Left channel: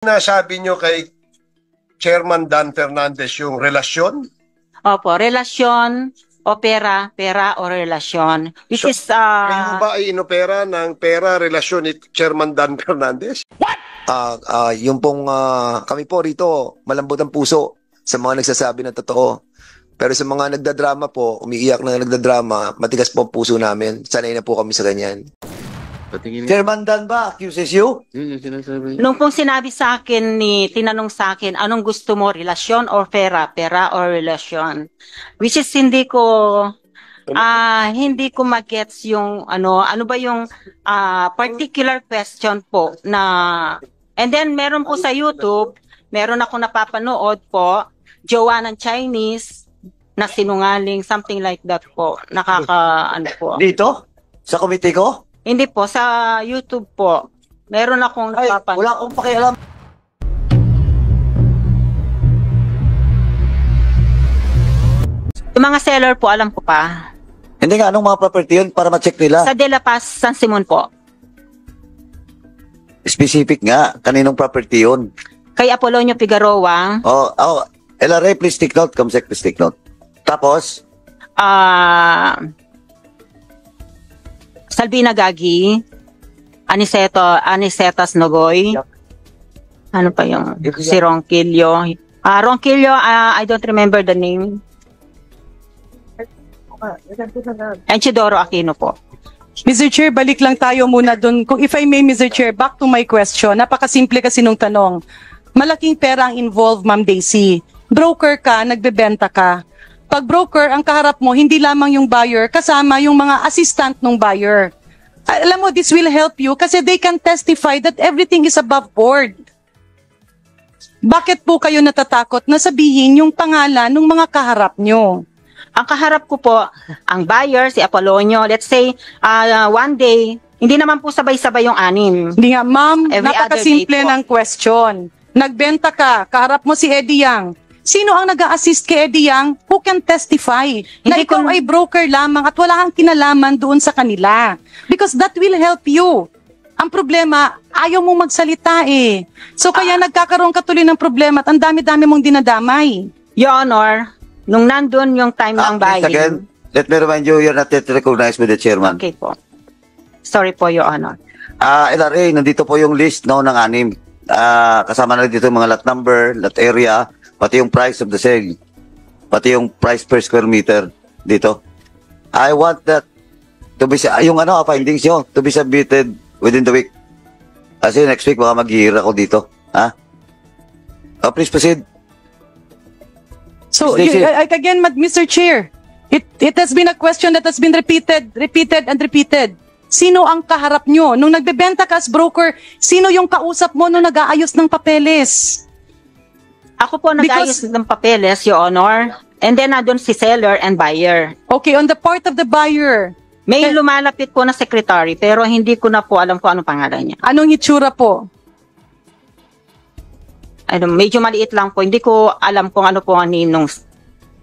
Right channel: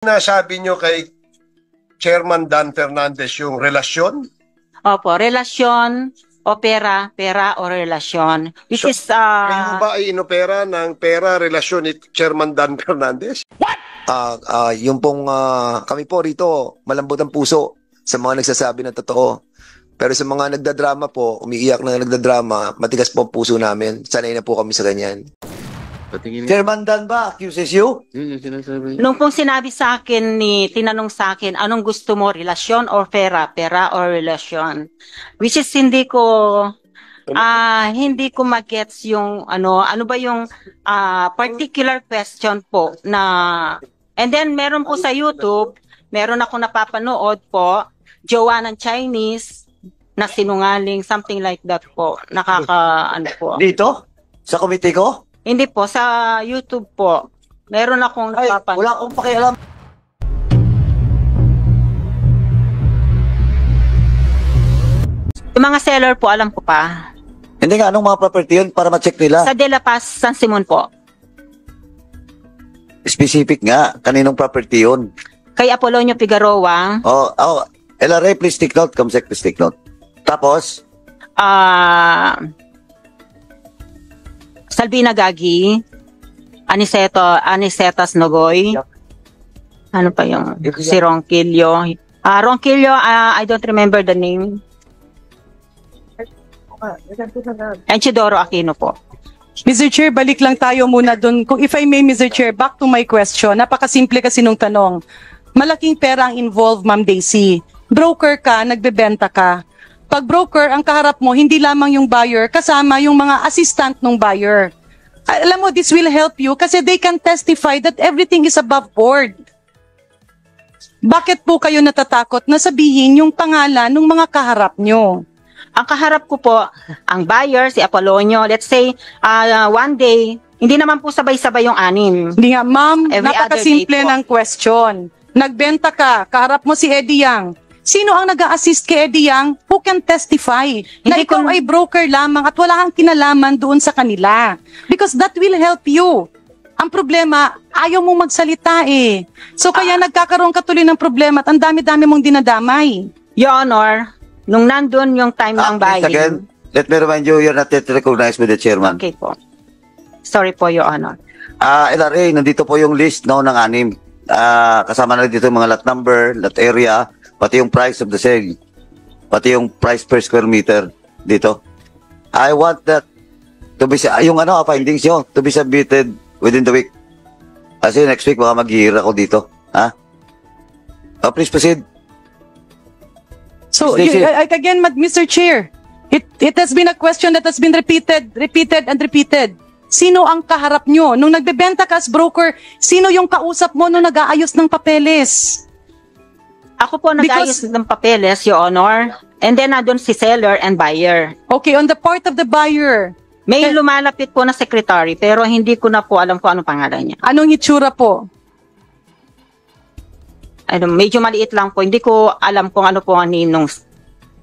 Nasabi nyo kay Chairman Dan Fernandez yung relasyon? Opo, relasyon o pera, pera o relasyon. Which is... Kayo ba ay inopera ng pera, relasyon ni Chairman Dan Fernandez? Yung pong kami po rito, malambot ang puso sa mga nagsasabi ng totoo. Pero sa mga nagdadrama po, umiiyak na nagdadrama, matigas po ang puso namin. Sanay na po kami sa ganyan. Chairman Dan ba accuses you? Nung pong sinabi sa akin tinanong sa akin, anong gusto mo, relasyon o pera, pera o relasyon? Which is hindi ko magets yung ano ba yung particular question po na, and then meron po sa YouTube, meron ako napapanood po, jowa ng Chinese na sinungaling, something like that po. Ano po. Dito? Sa komite ko? Hindi po, sa YouTube po. Meron akong napapanood. Wala akong pakialam. Yung mga seller po, alam ko pa. Hindi nga, anong mga property yun para ma-check nila? Sa De La Paz, San Simon po. Specific nga, kaninong property yun? Kay Apolonio Figueroa. LRA, please take note. Kamsek, please take note. Tapos? Salvina Gagi. Anicetas Nogoy. Ano pa yung? Si Ronquillo. Ronquillo, I don't remember the name. Anchidoro Aquino po. Mr. Chair, balik lang tayo muna dun. Kung if I may, Mr. Chair, back to my question. Napakasimple kasi nung tanong. Malaking pera ang involved, Ma'am Daisy. Broker ka, nagbebenta ka. Pag broker, ang kaharap mo, hindi lamang yung buyer, kasama yung mga assistant ng buyer. Alam mo, this will help you kasi they can testify that everything is above board. Bakit po kayo natatakot na sabihin yung pangalan ng mga kaharap nyo? Ang kaharap ko po, ang buyer, si Apolonio, let's say, one day, hindi naman po sabay-sabay yung anim. Hindi nga, ma'am, Every napakasimple other day po. ng question. Nagbenta ka, kaharap mo si Eddie Yang. Sino ang nag-a-assist kay Eddie Yang? Who can testify na Hindi ikaw ko- ay broker lamang at wala kang kinalaman doon sa kanila? Because that will help you. Ang problema, ayaw mong magsalita eh. So kaya nagkakaroon ka tuloy ng problema at ang dami-dami mong dinadamay. Your Honor, nung nandun yung time ng Please again, buying. let me remind you, you're not yet recognized by the chairman. Okay po. Sorry po, Your Honor. LRA, nandito po yung list ng anim. Kasama na rin dito yung mga lot number, lot area, pati yung price of the sale. Pati yung price per square meter dito. I want that to be, yung findings nyo, to be submitted within the week. Kasi next week baka mag-hira ako dito. Ha? Please proceed. So, Daisy. again, Mr. Chair, it has been a question that has been repeated and repeated. Sino ang kaharap nyo? Nung nagbebenta ka as broker, sino yung kausap mo nung nag-aayos ng papeles? Ako po nag-ayos ng papeles, Your Honor. And then nandun si seller and buyer. Okay, on the part of the buyer, May lumalapit po na secretary pero hindi ko na po alam kung anong pangalan niya. anong itsura po? Medyo maliit lang po. Hindi ko alam kung ano po ang ninong.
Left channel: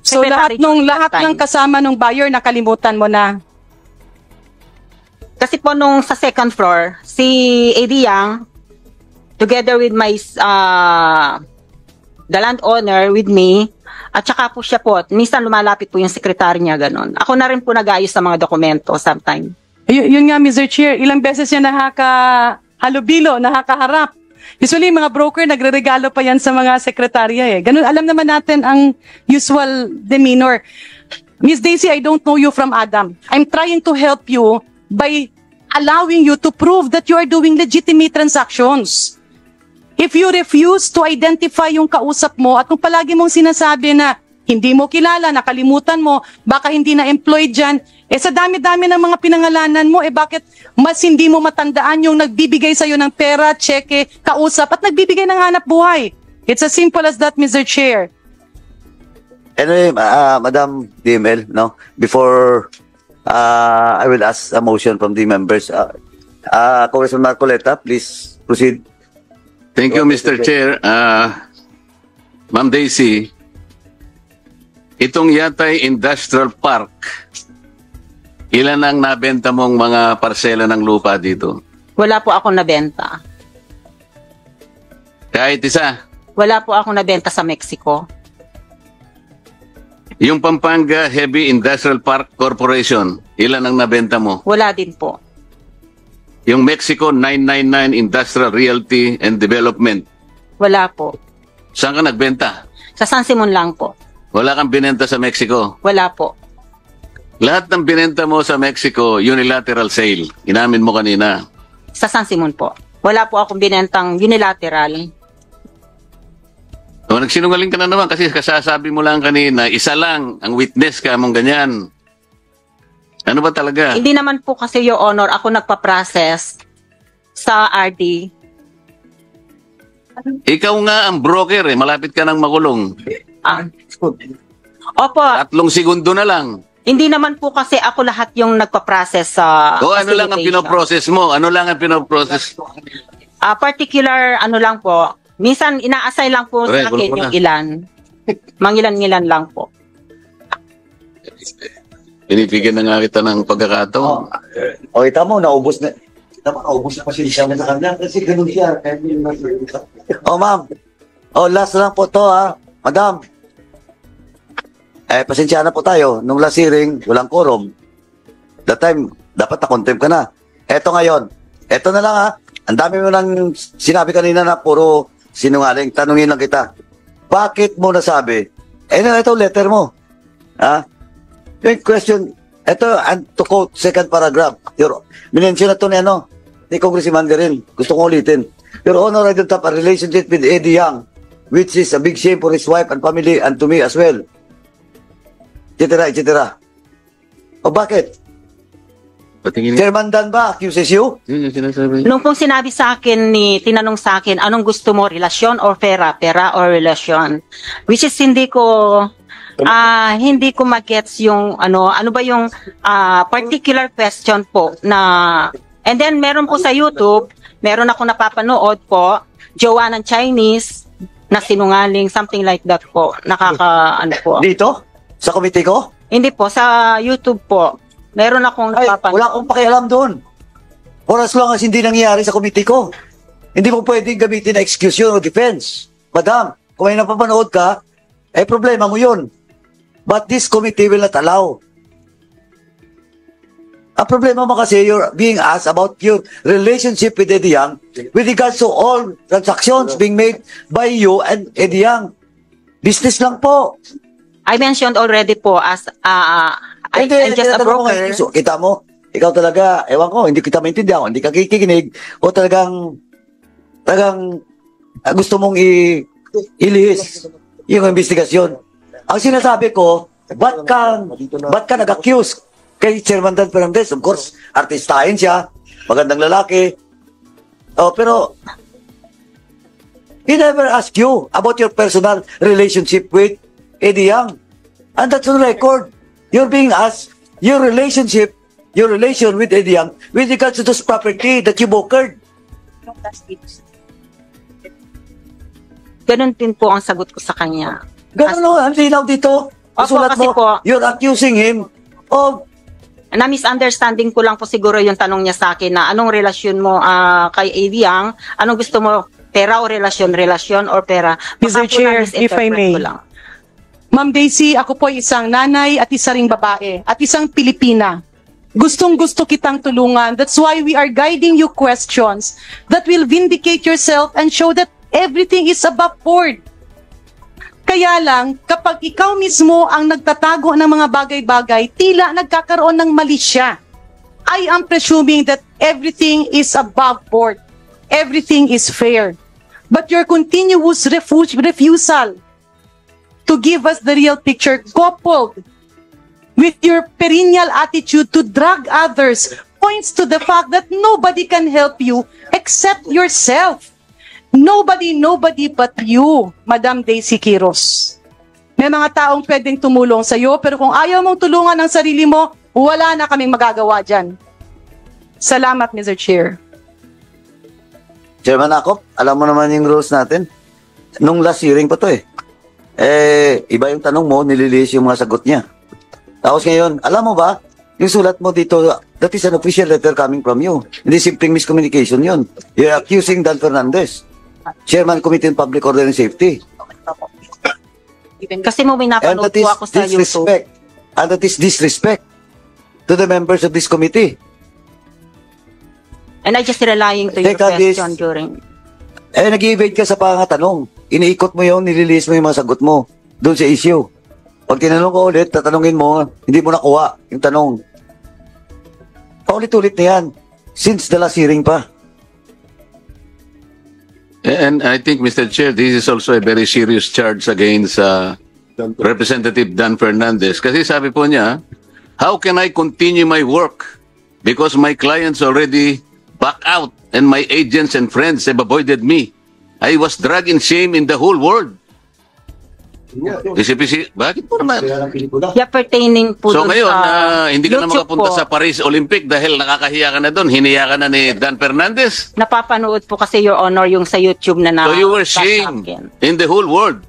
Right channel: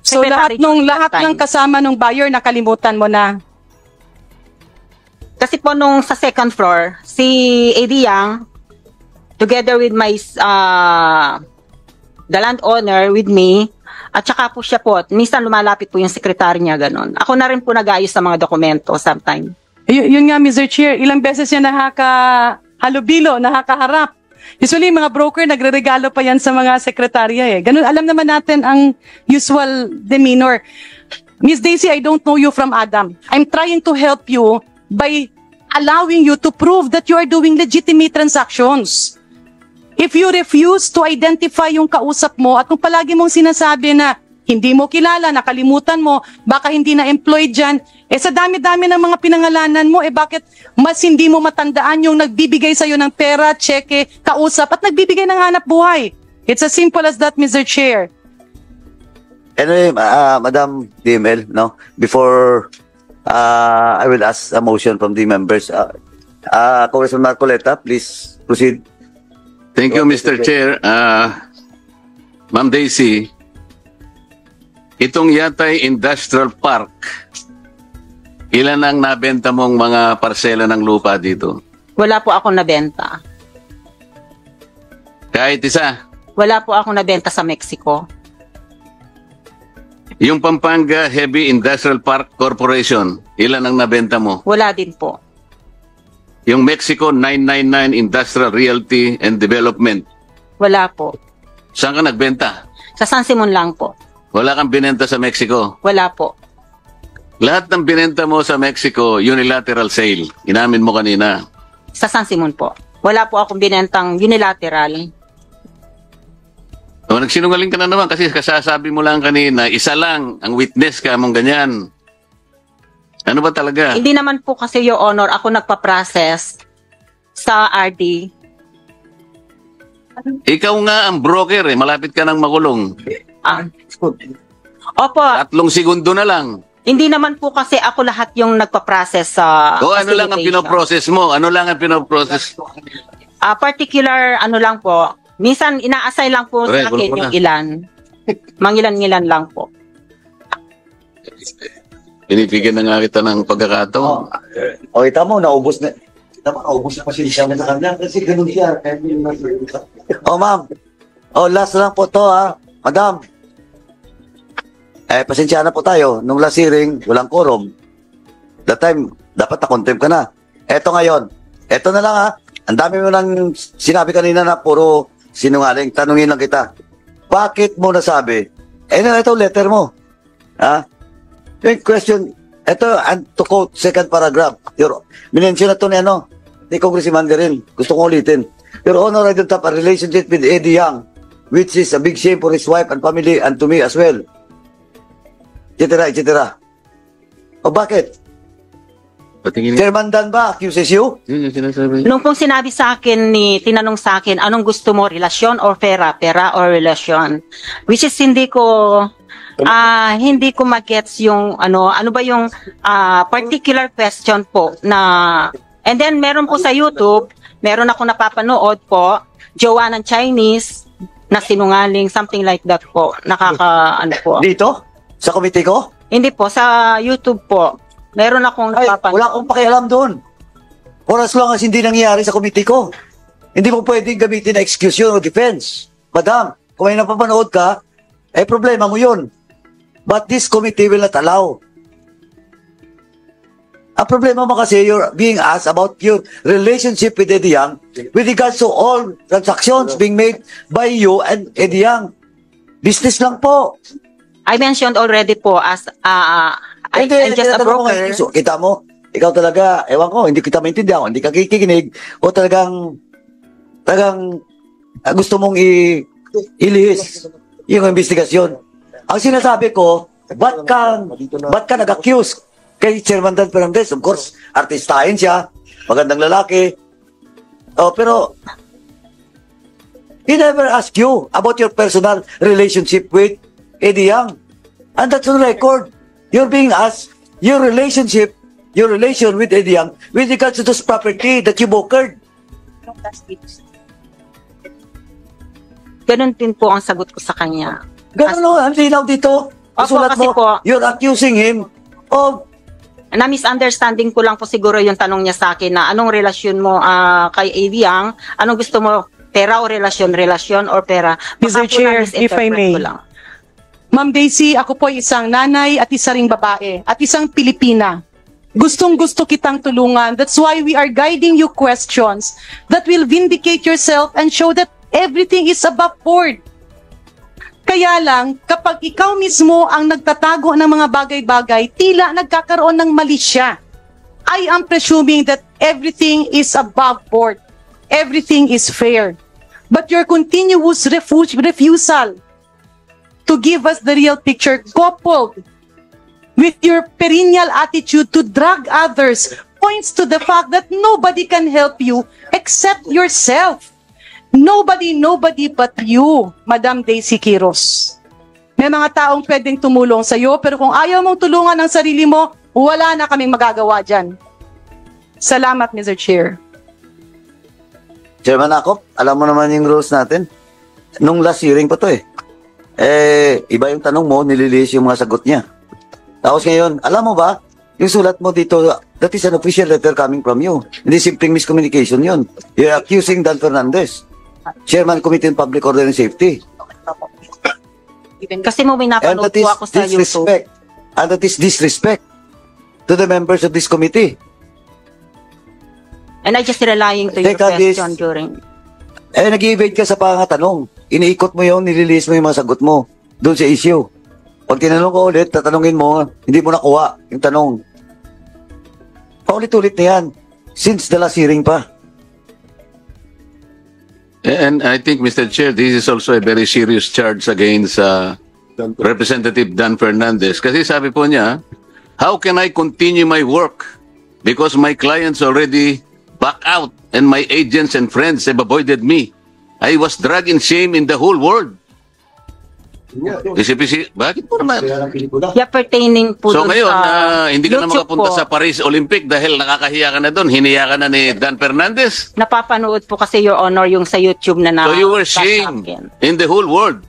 So lahat ng kasama ng buyer nakalimutan mo na. Kasi po nung sa second floor, si Eddie Yang, together with my the landowner with me, at saka po siya po, minsan lumalapit po yung sekretary niya, ganon. Ako na rin po nag-ayos sa mga dokumento sometime. Yun nga, Mr. Chair, ilang beses siya nakakahalubilo, nakakaharap. Usually, mga broker, nagre-regalo pa yan sa mga sekretarya eh. Ganun, alam naman natin ang usual demeanor. Miss Daisy, I don't know you from Adam. I'm trying to help you by allowing you to prove that you are doing legitimate transactions. If you refuse to identify yung kausap mo at kung palagi mong sinasabi na hindi mo kilala, nakalimutan mo, baka hindi na employed dyan, sa dami-dami ng mga pinangalanan mo, bakit mas hindi mo matandaan yung nagbibigay sa'yo ng pera, cheque, kausap, at nagbibigay ng hanap buhay? It's as simple as that, Mr. Chair. Madam Nimel, no? Before I will ask a motion from the members. Congressman Marcoleta, please proceed. Thank you, Mr. Chair. Ma'am Daisy, itong Yatay Industrial Park, ilan ang nabenta mong mga parsela ng lupa dito? Wala po akong nabenta. Kahit isa. Wala po akong nabenta sa Mexico. Yung Pampanga Heavy Industrial Park Corporation, ilan ang nabenta mo? Wala din po. Yung Mexico 999 Industrial Realty and Development, Wala po. saan ka nagbenta? Sa San Simon lang po. Wala kang binenta sa Mexico. Wala po. Lahat ng binenta mo sa Mexico, unilateral sale. Inamin mo kanina. Sa San Simon po. Wala po akong binentang unilateral. O, nagsinungaling ka na naman kasi kasasabi mo lang kanina, isa lang ang witness ka mong ganyan. Ano ba talaga? Hindi naman po kasi, Your Honor, ako nagpa-process sa RD. Ikaw nga ang broker eh, malapit ka nang makulong. Ah. Opo, 3 segundo na lang. hindi naman po kasi ako lahat yung nagpa-process sa O ano lang ang pinoprocess mo? Ano lang ang pinoprocess? particular, ano lang po, minsan ina-assign lang po sa akin yung ilan. Mangilan-ngilan lang po. Binibigyan na nga kita ng pagkakataon. O, ita mo, naubos na. Ita mo, naubos na pasensya mo sa kanya. Kasi ganun siya. O, ma'am. O, last lang po to, ha. Madam. Pasensya na po tayo. Nung last hearing, walang quorum. That time, dapat na-contempt ka na. Eto ngayon. Eto na lang, ha. Ang dami mo nang sinabi kanina na puro sinungaling. Tanungin lang kita. Bakit mo nasabi? Ito letter mo. Ha? Great question. Ito, second paragraph. Minention na ito ni Congressman Garin. Gusto kong ulitin. Your Honor, I don't have a relationship with Eddie Yang, which is a big shame for his wife and family and to me as well. Etc. O bakit? Chairman Dan ba accuses you? Yun yung sinasabi. Nung pong sinabi sa akin tinanong sa akin, anong gusto mo, relasyon or pera? Pera or relasyon? Which is hindi ko magets yung ano ba yung particular question po na, and then meron po sa YouTube, meron ako napapanood po, jowa ng Chinese na sinungaling, something like that po. Ano po. Dito? Sa komite ko? Hindi po, sa YouTube po. Meron akong napapanood. Wala akong pakialam doon. For as long as hindi nangyayari sa komite ko. Hindi mo pwedeng gamitin na excuse yun o defense. Madam, kung may napapanood ka, problema mo yun. But this committee will not allow. Ang problema mo kasi, you're being asked about your relationship with Eddie Yang with regards to all transactions being made by you and Eddie Yang. Business lang po. I mentioned already po as I'm Hindi, just a broker. So, kita mo, ikaw talaga, ewan ko, hindi kita maintindihan, hindi ka kikinig, o talagang gusto mong ilihis yung investigasyon. Ang sinasabi ko, ba't ka nag-accuse kay Chairman Dan Fernandez? Of course, artistahin siya, magandang lalaki. Pero, he never asked you about your personal relationship with Eddie Yang. And that's on record. You're being asked your relation with Eddie Yang with regards to this property that you brokered. Ganun din po ang sagot ko sa kanya. Ganun ang linaw dito. Sulat kasi mo, po, you're accusing him of... na misunderstanding ko lang po siguro yung tanong niya sa akin na anong relasyon mo kay Eddie Yang? Anong gusto mo? Pera o relasyon? Relasyon or pera? Mr. Chair, if I may. Ma'am Daisy, ako po isang nanay at isa ring babae at isang Pilipina. Gustong-gusto kitang tulungan. That's why we are guiding you questions that will vindicate yourself and show that everything is above board. Kaya lang, kapag ikaw mismo ang nagtatago ng mga bagay-bagay, tila nagkakaroon ng mali siya. I am presuming that everything is above board. Everything is fair. But your continuous refusal to give us the real picture, coupled with your perennial attitude to drag others, points to the fact that nobody can help you except yourself. Nobody but you, Madam Daisy Quiros. May mga taong pwedeng tumulong sa iyo, pero kung ayaw mong tulungan ang sarili mo, wala na kaming magagawa dyan. Salamat, Mr. Chair. Chairman ako, alam mo naman yung rules natin. Nung last hearing ko to iba yung tanong mo, nililihis yung mga sagot niya. Tapos ngayon, alam mo ba, yung sulat mo dito, that is an official letter coming from you. Hindi simpleng miscommunication yun. You're accusing Dan Fernandez. Chairman Committee on Public Order and Safety. Kasi mo And pinapanood that po ako sa is YouTube. disrespect. And that is disrespect to the members of this committee. And I just relying to your Teka, Liz. question during... Ay, nag-evade ka sa pangatanong. Iniikot mo yun, nililinis mo yung mga sagot mo. Doon sa issue. Pag tinanong ko ulit, tatanungin mo, hindi mo nakuha yung tanong. Paulit-ulit na yan. Since the last hearing pa. And I think, Mr. Chair, this is also a very serious charge against Representative Dan Fernandez. Kasi sabi po niya, how can I continue my work? Because my clients already backed out and my agents and friends have avoided me. I was dragged in shame in the whole world. Isip-isip, bakit po naman? Yeah, pertaining po So dun ngayon, sa hindi ka na YouTube makapunta po. sa Paris Olympic dahil nakakahiya ka na doon. Hiniya ka na ni Dan Fernandez. Napapanood po kasi, Your Honor, yung sa YouTube na So you were shamed sasakin. in the whole world.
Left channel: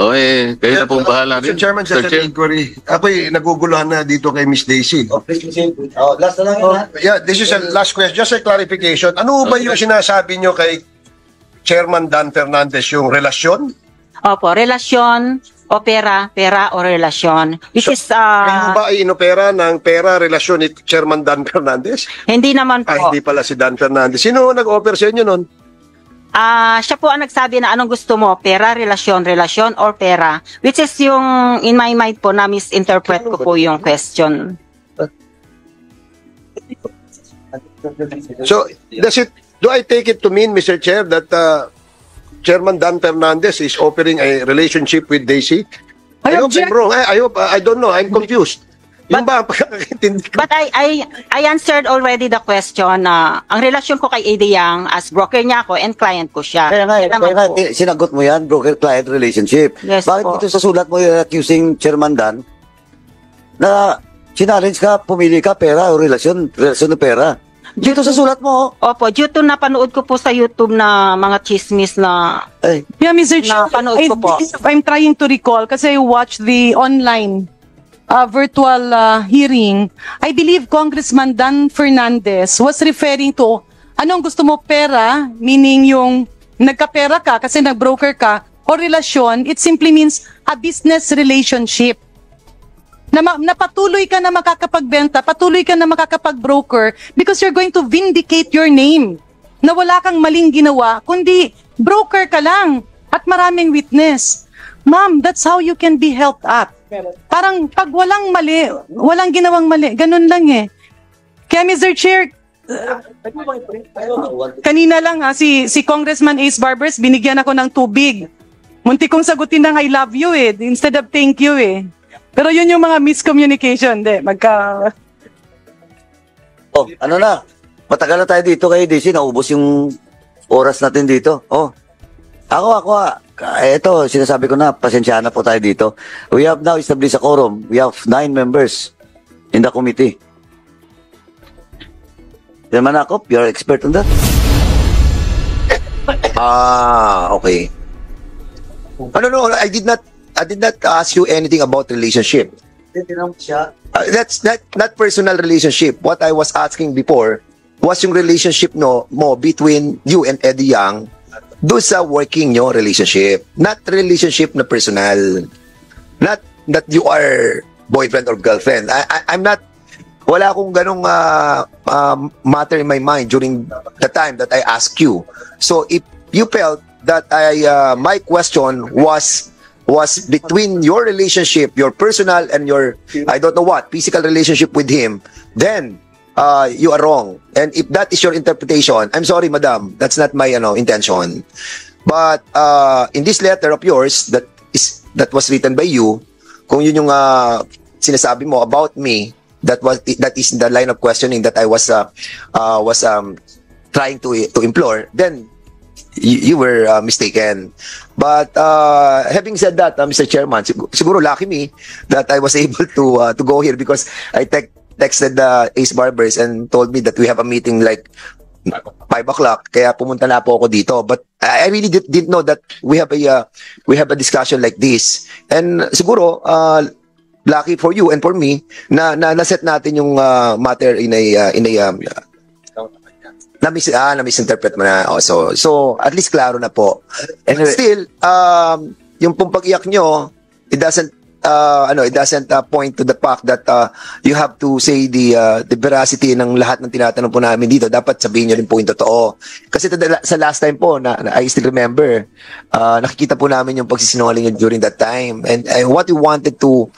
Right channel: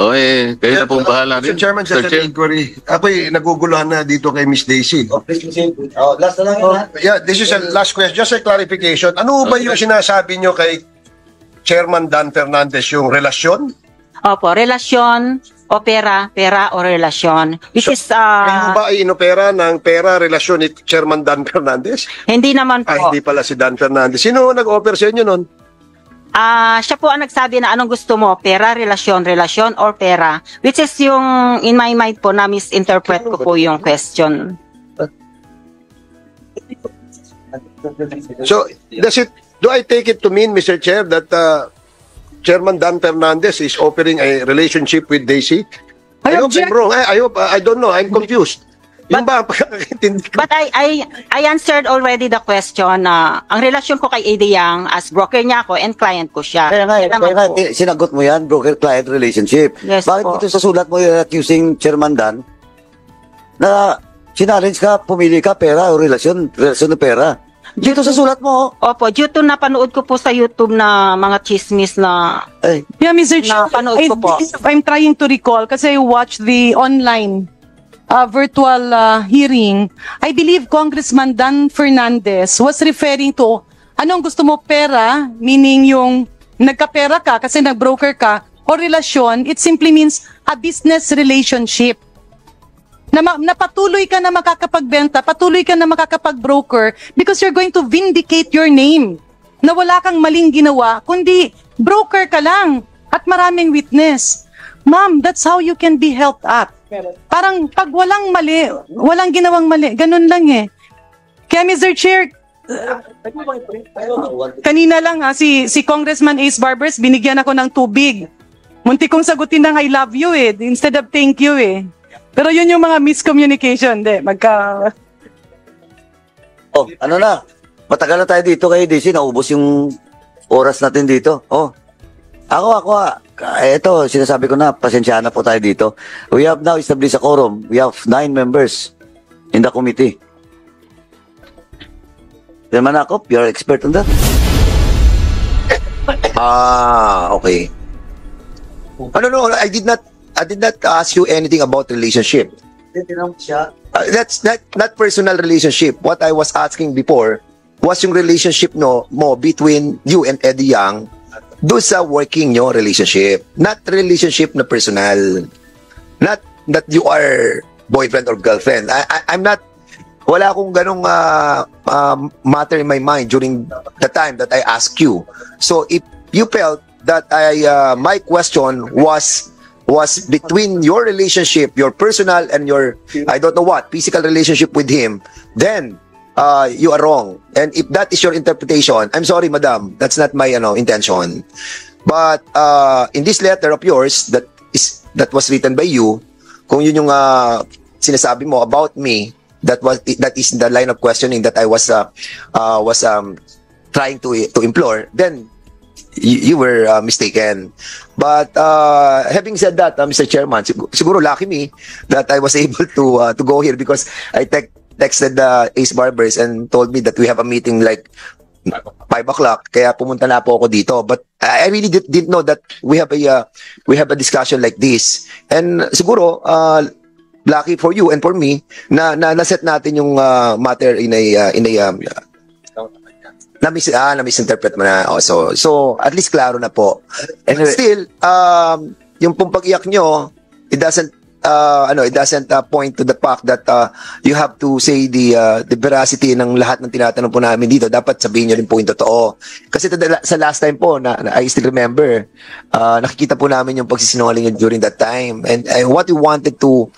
O kayo na pong bahala rin. Mr. Chairman, sa Chair. inquiry, ako'y naguguluhan na dito kay Miss Daisy. Last na lang yun, ha? Yeah, this is a last question. Just a clarification. Ano ba yung sinasabi nyo kay Chairman Dan Fernandez, yung relasyon? Opo, relasyon, pera o relasyon. Which is, Ano ba inopera ng pera relasyon ni Chairman Dan Fernandez? hindi naman po. Ay, hindi pala si Dan Fernandez. Sino nag-offer sa inyo nun? Siya po ang nagsabi na anong gusto mo, pera, relasyon, or pera. Which is yung, in my mind po, na misinterpret ko po yung question. So, do I take it to mean, Mr. Chair, that Chairman Dan Fernandez is offering a relationship with Daisy? I hope I'm wrong. I don't know. I'm confused. Yung ba ang pagkakaintindi ko? But I answered already the question na ang relasyon ko kay Ada Yang as broker niya ako and client ko siya. Kaya nga, Naman po. sinagot mo yan, broker-client relationship. Yes Dahil po. ito sa sulat mo yung accusing Chairman Dan, na sinarrange ka, pumili ka, pera o relasyon na pera. Dito sa sulat mo. Opo, due to napanood ko po sa YouTube na mga chismis na Eh, Yeah, Mr. Chair, Napanood ko po. I'm trying to recall kasi I watched the online virtual hearing. I believe Congressman Dan Fernandez was referring to anong gusto mo, pera, meaning yung nagkapera ka kasi nag-broker ka, o relasyon, it simply means a business relationship. Na patuloy ka na makakapagbenta, patuloy ka na makakapag-broker because you're going to vindicate your name. Na wala kang maling ginawa, kundi broker ka lang at maraming witness. Ma'am, that's how you can be helped up. Parang pag walang mali, walang ginawang mali, ganun lang eh. Kaya Mr. Chair, kanina lang si Congressman Ace Barbers, binigyan ako ng tubig. Munti kong sagutin ng I love you eh, instead of thank you eh. Pero yun yung mga miscommunication, oh, ano na? Matagal na tayo dito kay Daisy, naubos yung oras natin dito. Oh. Ako. Ito, sinasabi ko na, pasensya na po tayo dito. We have now established a quorum. We have 9 members in the committee. Chairman Akop, you're expert on that? Okay. No, I did not ask you anything about relationship. That's not personal relationship. What I was asking before was yung relationship mo between you and Eddie Yang do sa working nyo relationship. Not relationship na personal. Not that you are boyfriend or girlfriend. I'm not, wala akong ganong matter in my mind during the time that I asked you. So if you felt that my question was between your relationship, your personal and your, I don't know what, physical relationship with him, then you are wrong. And if that is your interpretation, I'm sorry, madam, that's not my intention. But in this letter of yours that was written by you, kung yun yung sinasabi mo about me, that is the line of questioning that I was trying to implore, then you were mistaken. But having said that, Mr. Chairman, siguro lucky me that I was able to go here because I texted Ace Barbers and told me that we have a meeting like 5 o'clock. Kaya pumunta na po ako dito. But I really didn't know that we have a discussion like this. And siguro lucky for you and for me na naset natin yung matter in a Na-misinterpret mo na. Oh, so, at least klaro na po. Anyway. Still, yung pong pag-iyak nyo, it doesn't point to the fact that you have to say the veracity ng lahat ng tinatanong po namin dito. Dapat sabihin nyo rin po yung totoo. Kasi sa last time po, I still remember, nakikita po namin yung pagsisinungaling during that time. And what we wanted to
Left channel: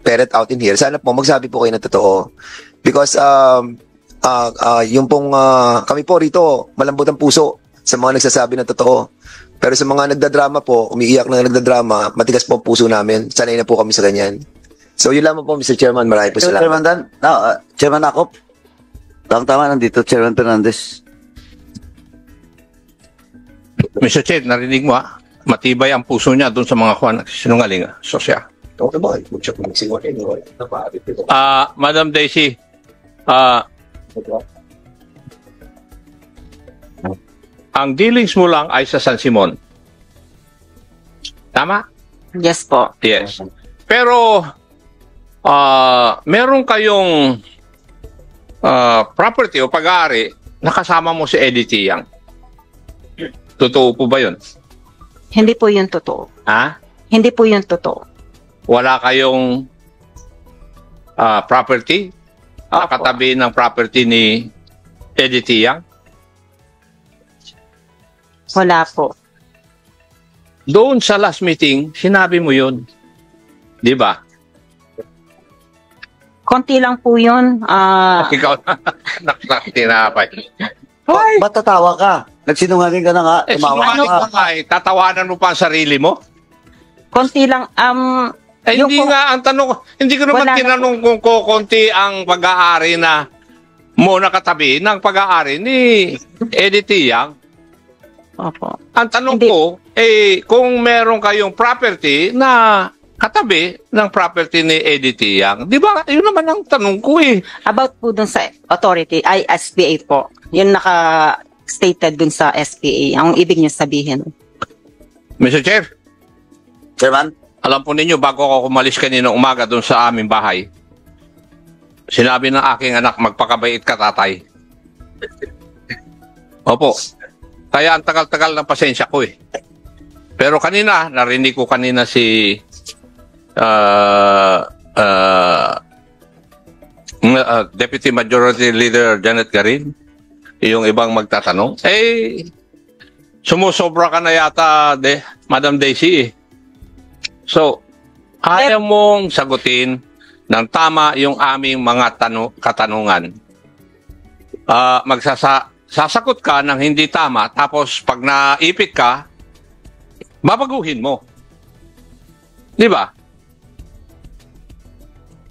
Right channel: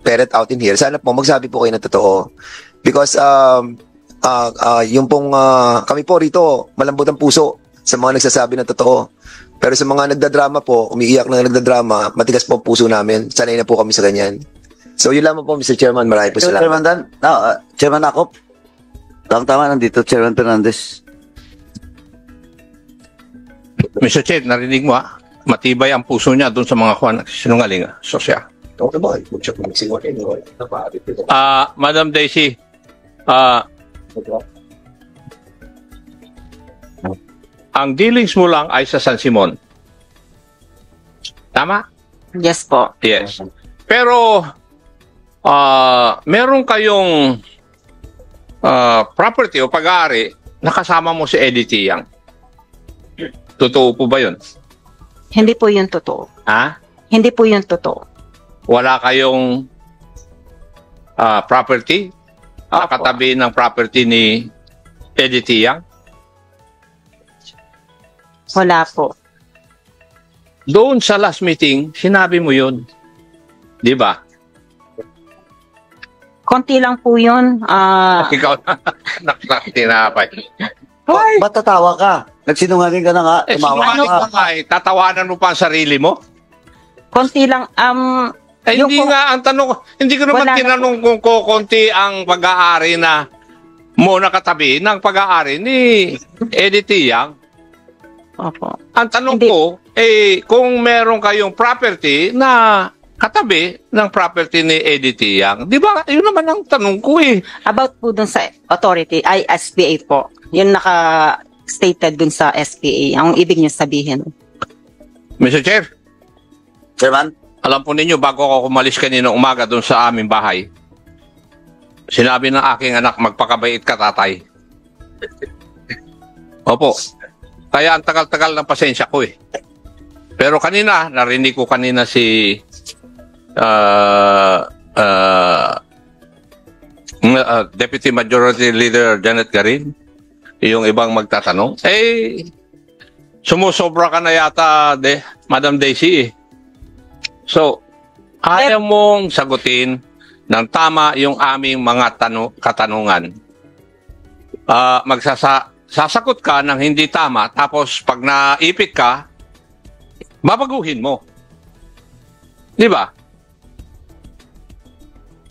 ferret out in here, sana po, magsabi po kayo ng totoo. Because, yung pong, kami po rito, malambot ang puso sa mga nagsasabi ng totoo. Pero sa mga nagdadrama po, umiiyak na nagdadrama, matigas po ang puso namin. Sanay na po kami sa ganyan. So, yun lamang po, Mr. Chairman. Marami po sila. Chairman Dan, Chairman Akop. Tama-tama nandito, Chairman Fernandez. Mr. Chair, narinig mo matibay ang puso niya doon sa mga kwan. Sinungaling Sosya. Madam Daisy, ang dealings mo lang ay sa San Simon. Tama? Yes po. Yes. Pero, meron kayong property o pag-aari na kasama mo si Eddie Tiang. Totoo po ba yun? Hindi po yun totoo. Ha? Hindi po yun totoo. Wala kayong property? Katabi ng property ni Eddie Tiang? Wala po. Doon sa last meeting, sinabi mo yun. Di ba? Konti lang po yun. Ikaw nakakatira pa. Ba't tatawa ka? Nagsinungaling ka na nga. Tumawa ka. Tatawanan mo pa ang sarili mo? Konti lang. Hindi nga ang tanong, hindi ko naman Wala. tinanong kung kukunti ang pag-aari na mo nakatabi ng pag-aari ni Eddie Tiang. Opo. Ang tanong Hindi. ko, kung meron kayong property na katabi ng property ni Eddie Tiang, di ba? Yun naman ang tanong ko About po dun sa authority, ay SPA po. Yun naka-stated dun sa SPA. Ang ibig niya sabihin. Mr. Chair, Chairman? alam po ninyo, bago ako umalis kanina umaga doon sa aming bahay, sinabi ng aking anak, magpakabait ka, tatay. Opo. Kaya ang tagal-tagal ng pasensya ko Pero kanina, narinig ko kanina si Deputy Majority Leader Janet Garin, yung ibang magtatanong. Sumusobra ka na yata, Madam Daisy So, kaya mong sagutin ng tama yung aming mga katanungan. Sasagot ka ng hindi tama, tapos pag naipit ka, babaguhin mo. Di ba?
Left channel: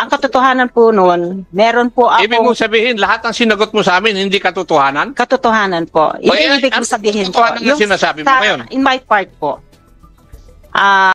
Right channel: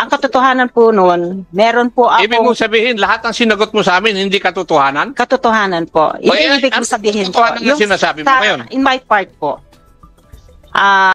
Ang katotohanan po nun, meron po ako... Ibig mo sabihin, lahat ng sinagot mo sa amin, hindi katotohanan? Katotohanan po. Ibig ko sabihin po. Ano sinasabi mo ngayon? In my part po.